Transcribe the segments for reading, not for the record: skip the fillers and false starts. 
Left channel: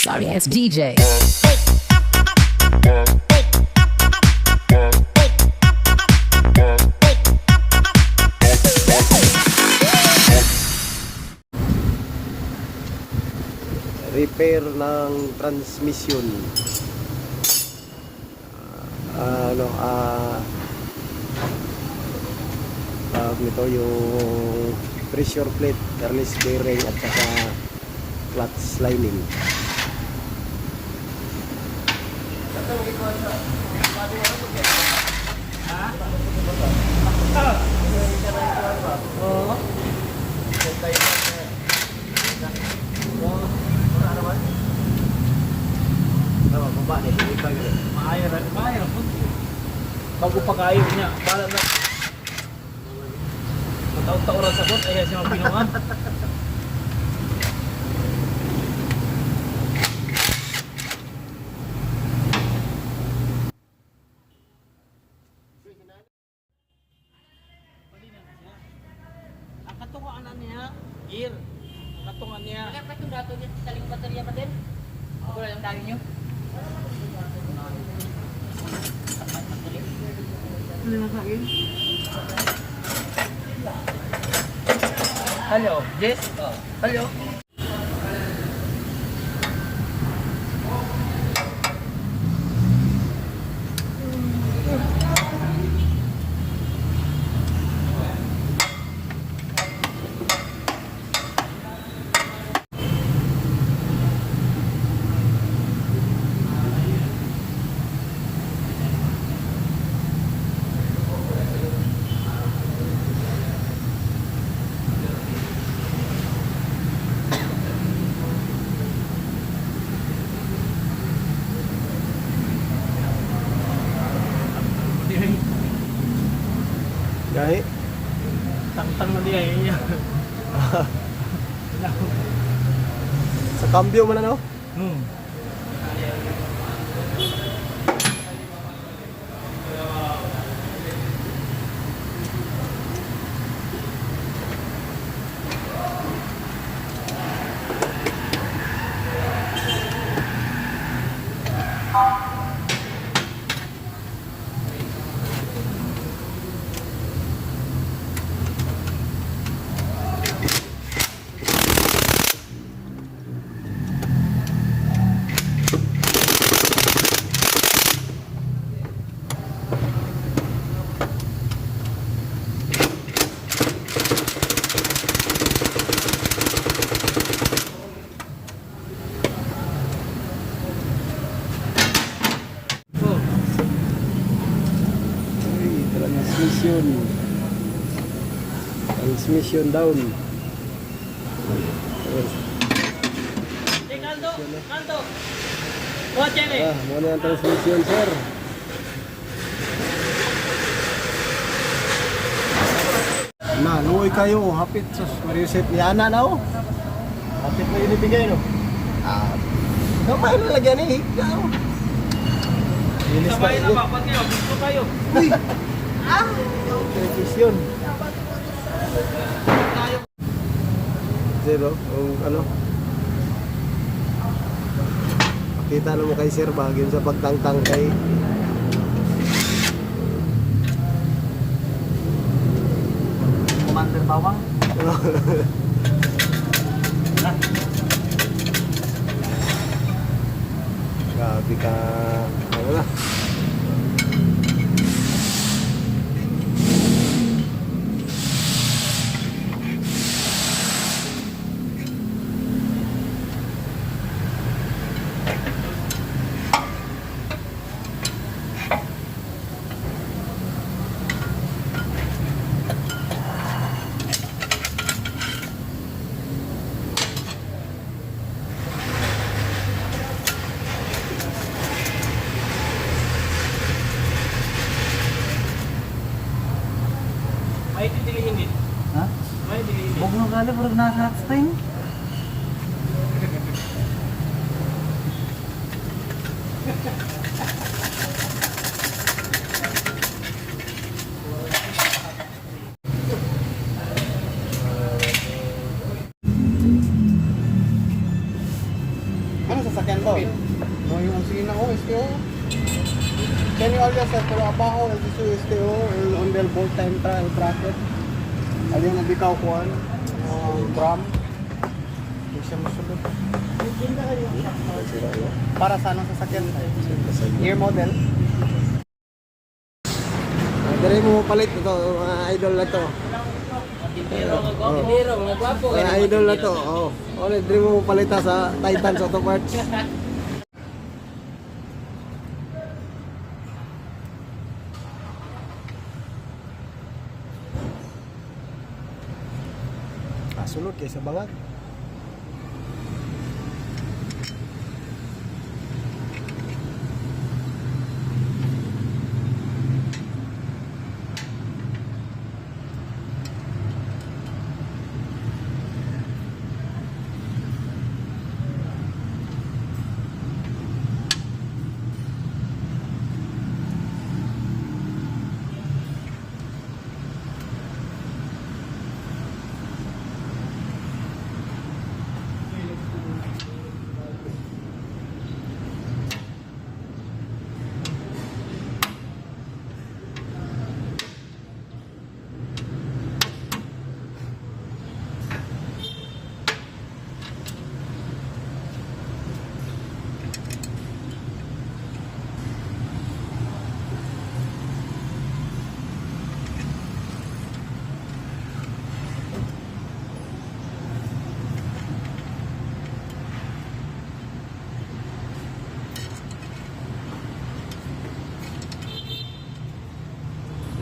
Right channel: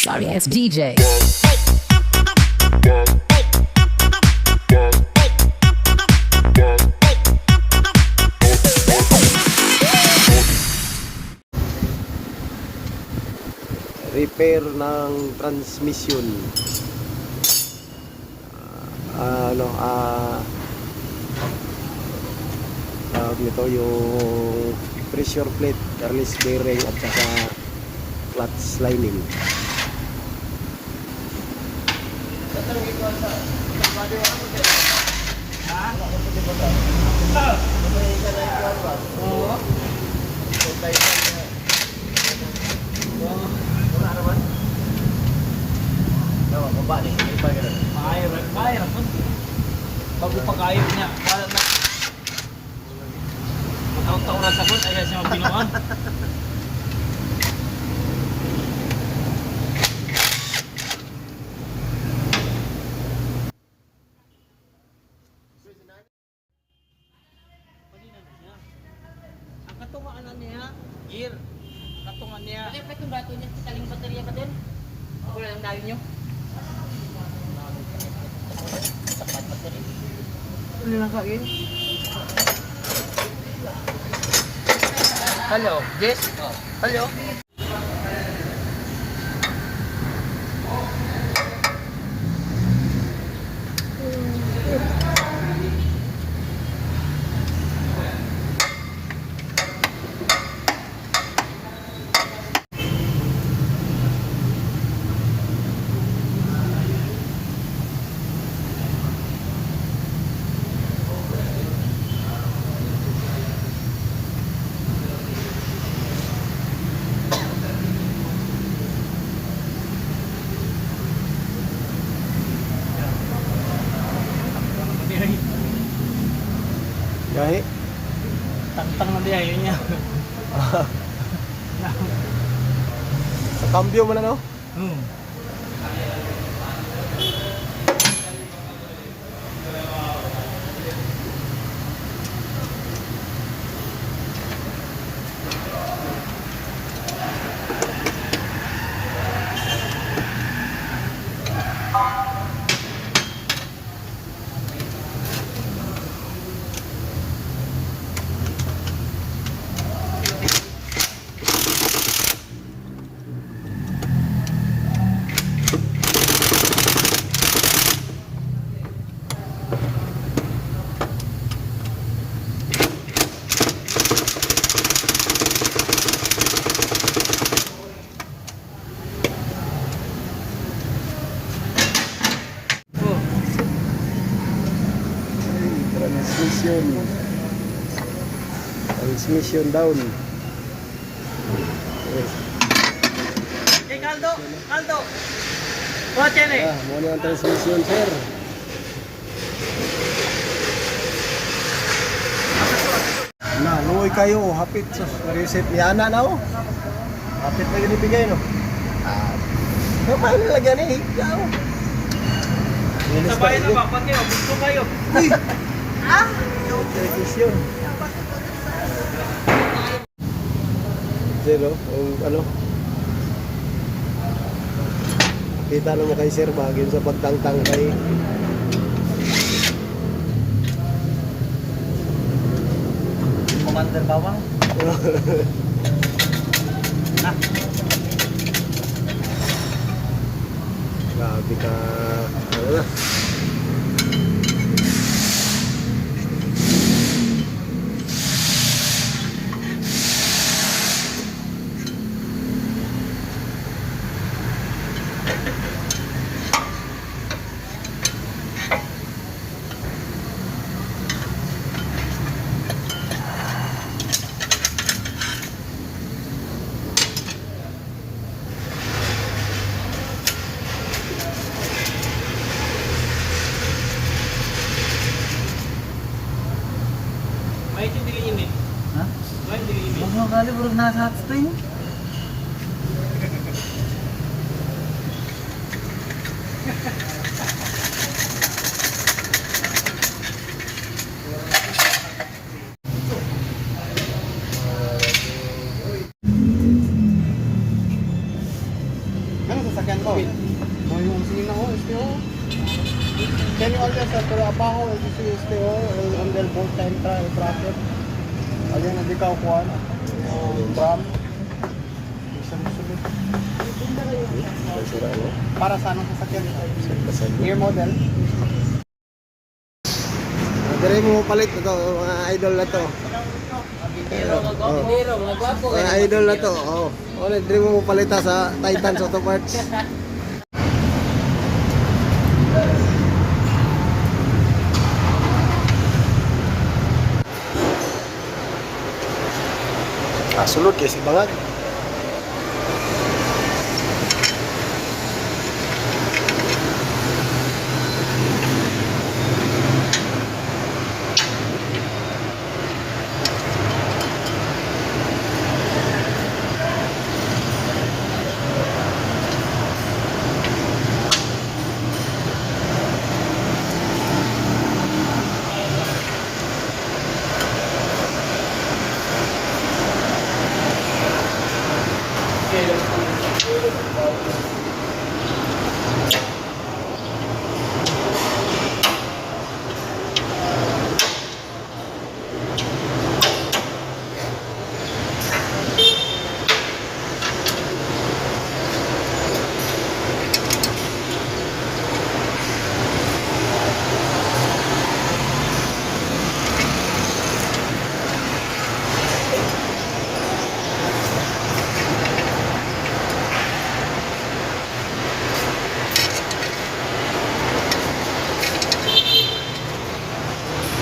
Sorry ass DJ. Repair ng transmission. Tawag nito yung pressure plate, release bearing at saka clutch lining. Bago pa kayo niya, para na mataon-taon lang sagot, ayaw siya magbinuan. Ang katungaan na niya, gear. Katungan niya. Ano yung itong dato niya? Kaling baterya pa din? Ako lang ang dawin nyo? Ano lang gawin? Hello, Jess? Hello? Gahi. Tang-tang na diya niya. Sa cambio mo na no? Transmission down. Hey, Caldo! Caldo! Kotse rin! Muna ang transmission, sir. Luoy kayo, hapit sa reset ni Ana na oh. Hapit na yun ibigay no. Kapay na lagyan eh. Ilis Sabay na ba? Pag kayo, gusto kayo. television. Zero, ano? Pakita na mo kay sir bagay sa pagtangtang kay Commander Bawang. Na. grabe ka, ano na. May hindi ka unit. Ha? May hindi ka unit. Huwag mo gali, burog nasa hot spring. sasakyan to. Mo yung sige na ko, STO. Can you also set to abajo this is STO on the bolt time and bracket. Alin mo bikaw kuan? Yung bram. Isang sunod. Para sa anong sasakyan? Year model. Dire mo palit ito, mga idol na to. Biro, mga gwapo. Mga idol na to. Oh. Ulit dire mo palita sa Titans Auto Parts. Sulod kay si bangag.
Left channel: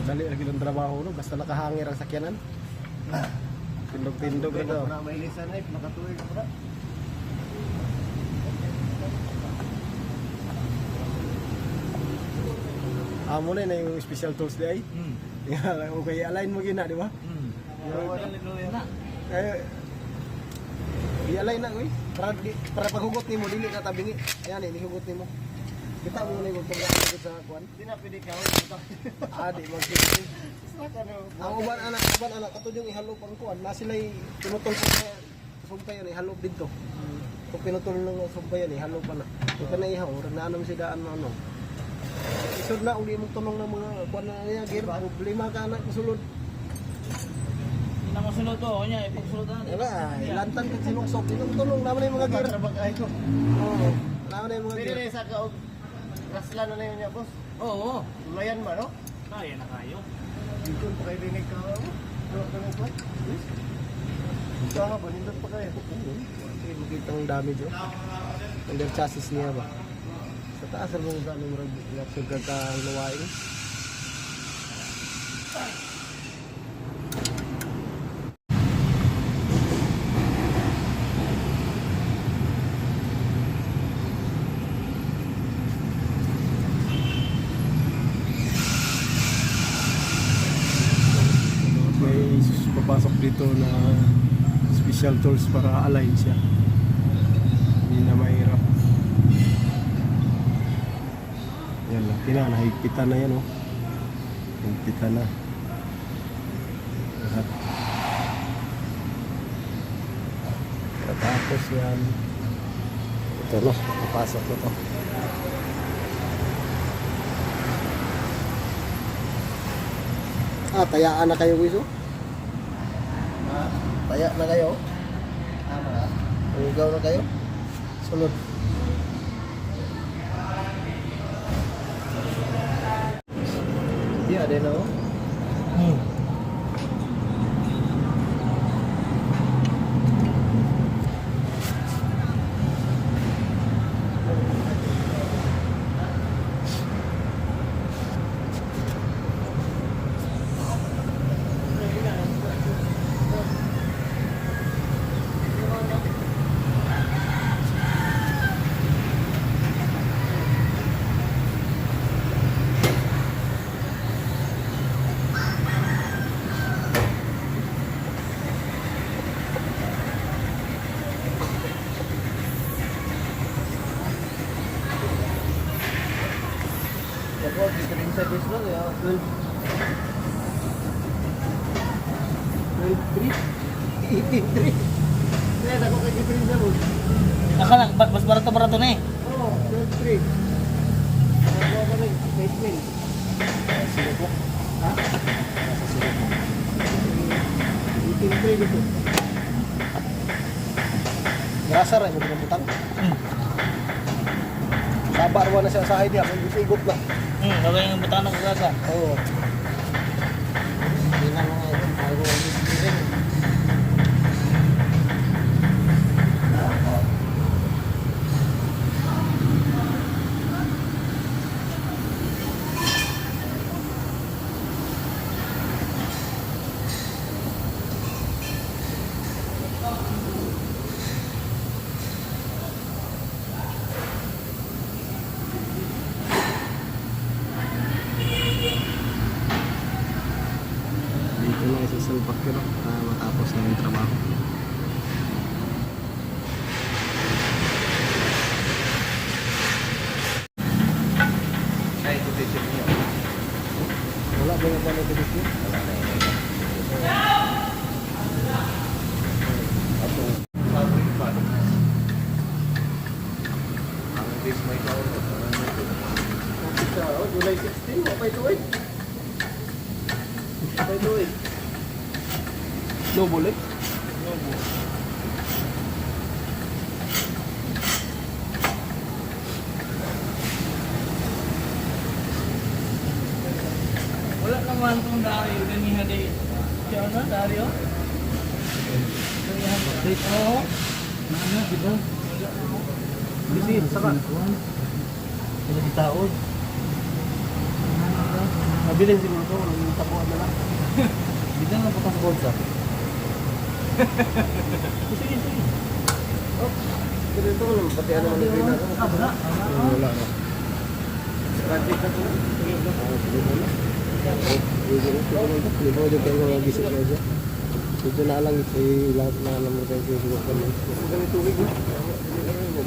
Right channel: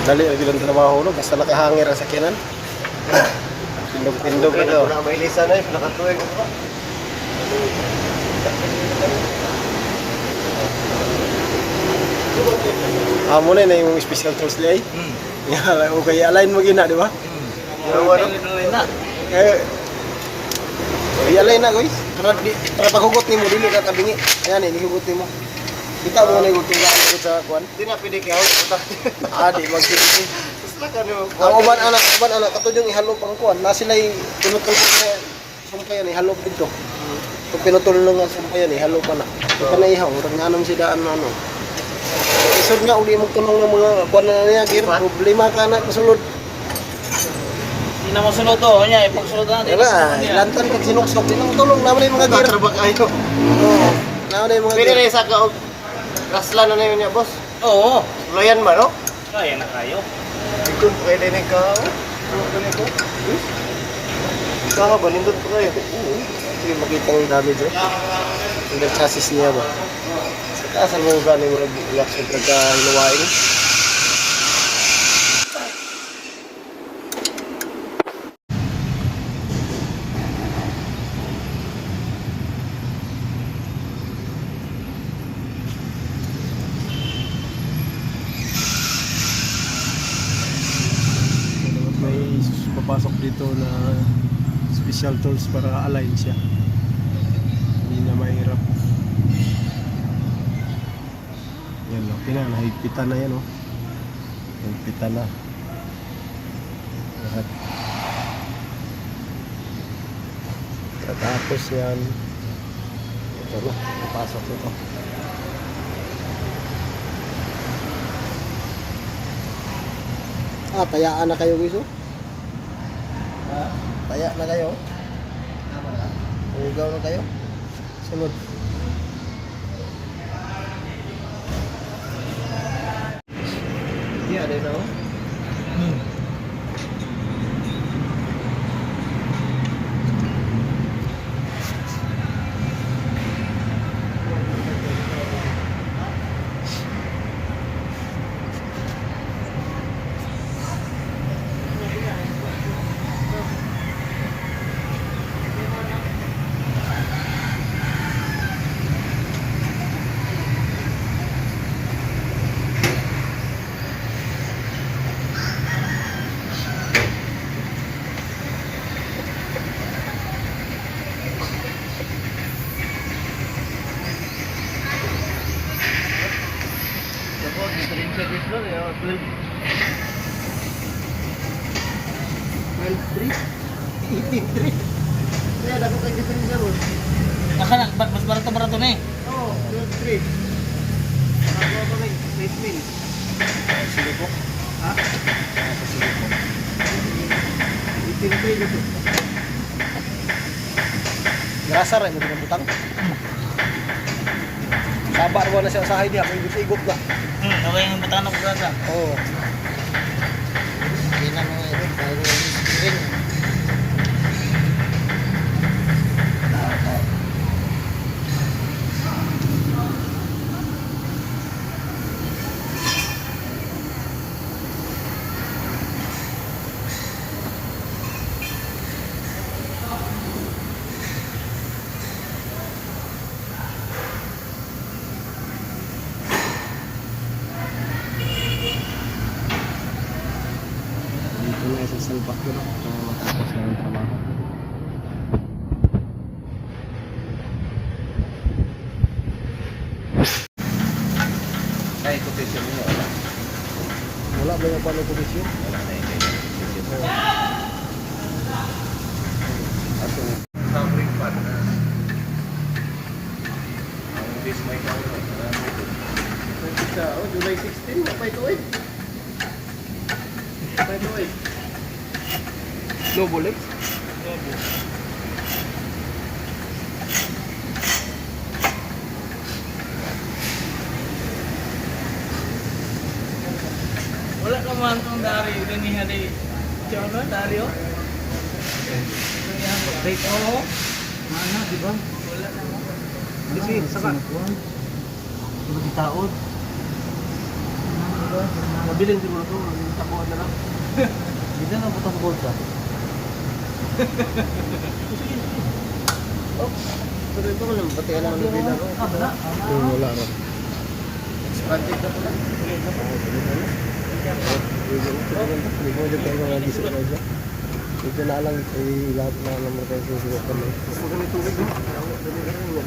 Dali lagi lang trabaho no, basta nakahangir ang sakyanan. Pindog-pindog na daw. Na may lisa na, nakatuwing ko pa. Muna na yung special tools li ay. Okay, align mo gina, di ba? I-align na guys. Para paghugot nimo dili ka tabingi. Ayan eh, hugot nimo. Kita mo na yung hugot sa kuan. Di na pwede kayo. Di mag-sisi. Ang uban anak katod yung ihalo pang kuan. Na sila pinutol ko sa sumpayan ihalo dito. Kung pinutol lang ang sumpayan ihalo pa na. Ika na ihaw, rang anong sidaan na ano. Isod nga uli mong tunong ng mga kuan na niya gear. Problema ka na kasulod. Hindi na masunod to. Kanya, ipagsunod na natin. Diba, ilantan kag sinuksok. Di nang tulong naman yung mga gear. Trabak ayo. Oo. Naman yung mga Pwede gear. na isa ka rasla na yun niya, boss. Oo. Loyan ba, no? Kaya na kayo. Ito, pwede na ka. Ano ka nito? Kaka ba, nindot ko kayo. Ito yung makita ng damage eh. Yung chassis niya ba? Sa kasal mo ba yung reaction pagka-hinuwain? May papasok dito na special tools para align siya. Hindi na mahirap. Yan lang, nahigpitan na yan oh. Higpitan na. Lahat. Tapos yan. Ito no, papasok na to. Tayaan na kayo guys oh. Taya na kayo. Ugaw na kayo. Sunod. Iya, ada na oh. Stream service lang, 12. 12.3 83 Kaya dapat kay diferensya mo. Nakalang, mas barato-barato na eh. Oo, 3. Nakakuha pa rin, 6 mil. Sige po. Ha? Sige po. 18 mil ito. Grasa rin yung pinabutang. Sabar mo na siya sa idea, kung igot na. Gawin yung butano ko gaga. Oo. Hindi na mga ito. Bago rin. Dito na isa salbak yun, para matapos na yung trabaho. Ay, quotation mo. Wala ba yung paano kondisyon? Wala na yun. Ato, sounding fan. Ang base mic ako. Sa July 16, may tuwid. May tuwid. No bulik? Wala naman itong Dario. Ganihan eh. Diyan na, Dario? Update? Oo. Nana, di ba? Wala na ako. Kasi, saka. Wala di taon. Mabilin siguro ito, yung tapuan na lang. Hindi na putang bolsa. Sige, sige. Oh, ito ko lang, pati ano ang gawin na. Wala. Wala na. Budget na ito. Hindi ko dyan tayo mga gisip na dyan. Ito na lang, lahat na naman tayo susubukan mo. Ganito ulit, no?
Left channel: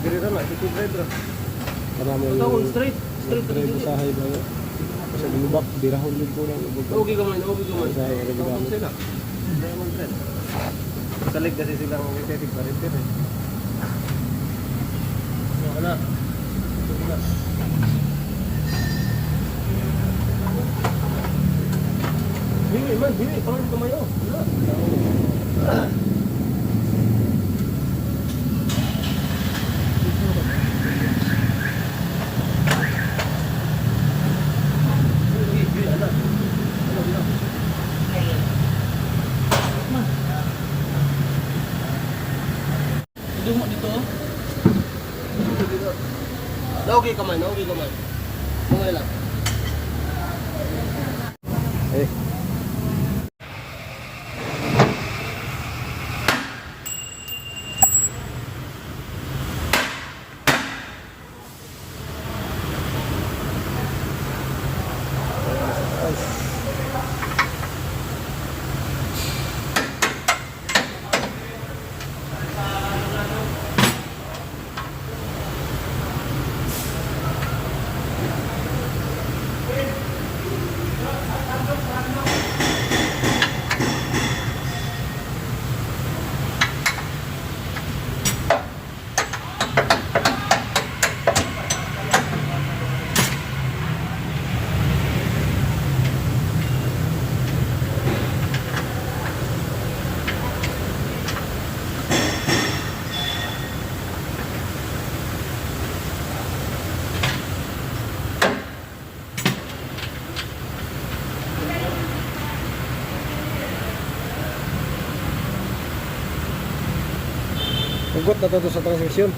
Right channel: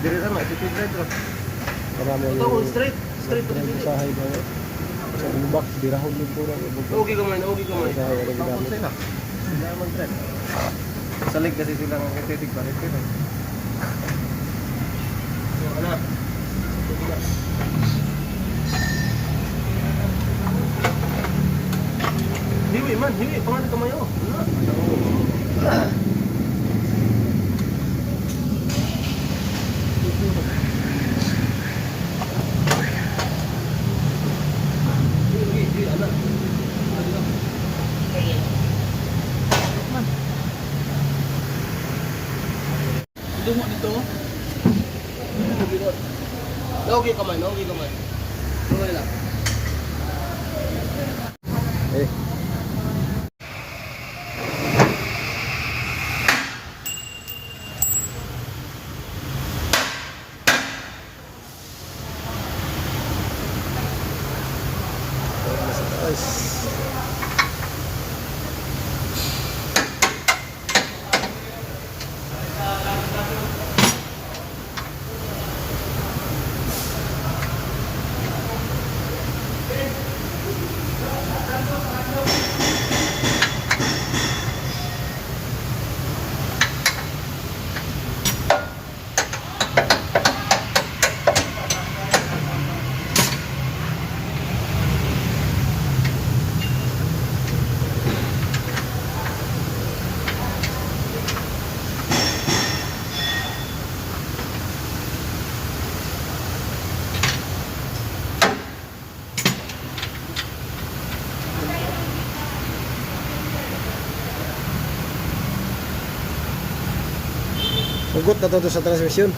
Dire na, attitude drive. Para mo yung straight drive sa hay ba yun? Sa lubak, birahon din po lang. Okay ka man, okay ka man. Sa hay, ano bigamit? Salig kasi silang estetik pa rin. Wala. Hiwi man, hiwi. Pangalan ka mayo. Dungo dito. Okay ka man, okay ka man. Mga lang. Eh. Ugot na to sa transmisyon.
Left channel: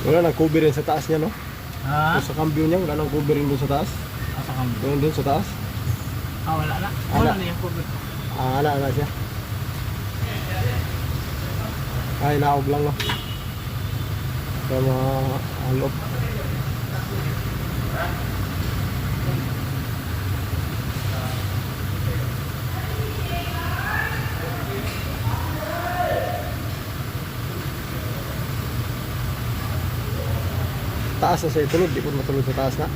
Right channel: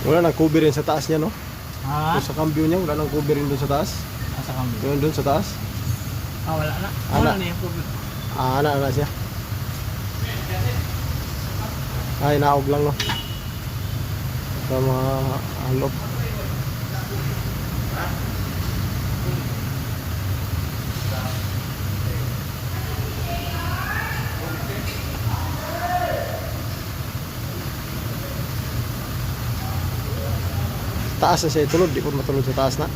Wala nang cover rin sa taas niya, no? Ha? Sa cambio niya, wala nang cover rin doon sa taas. Asa kami? Doon sa taas. Ah, wala na. Wala. Wala na yung problem. Ana siya. Ay, naog lang, no? Sa mga alop. Taas na siya itulod, di po matulod sa taas na.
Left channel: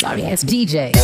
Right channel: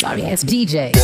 Sorry ass DJ.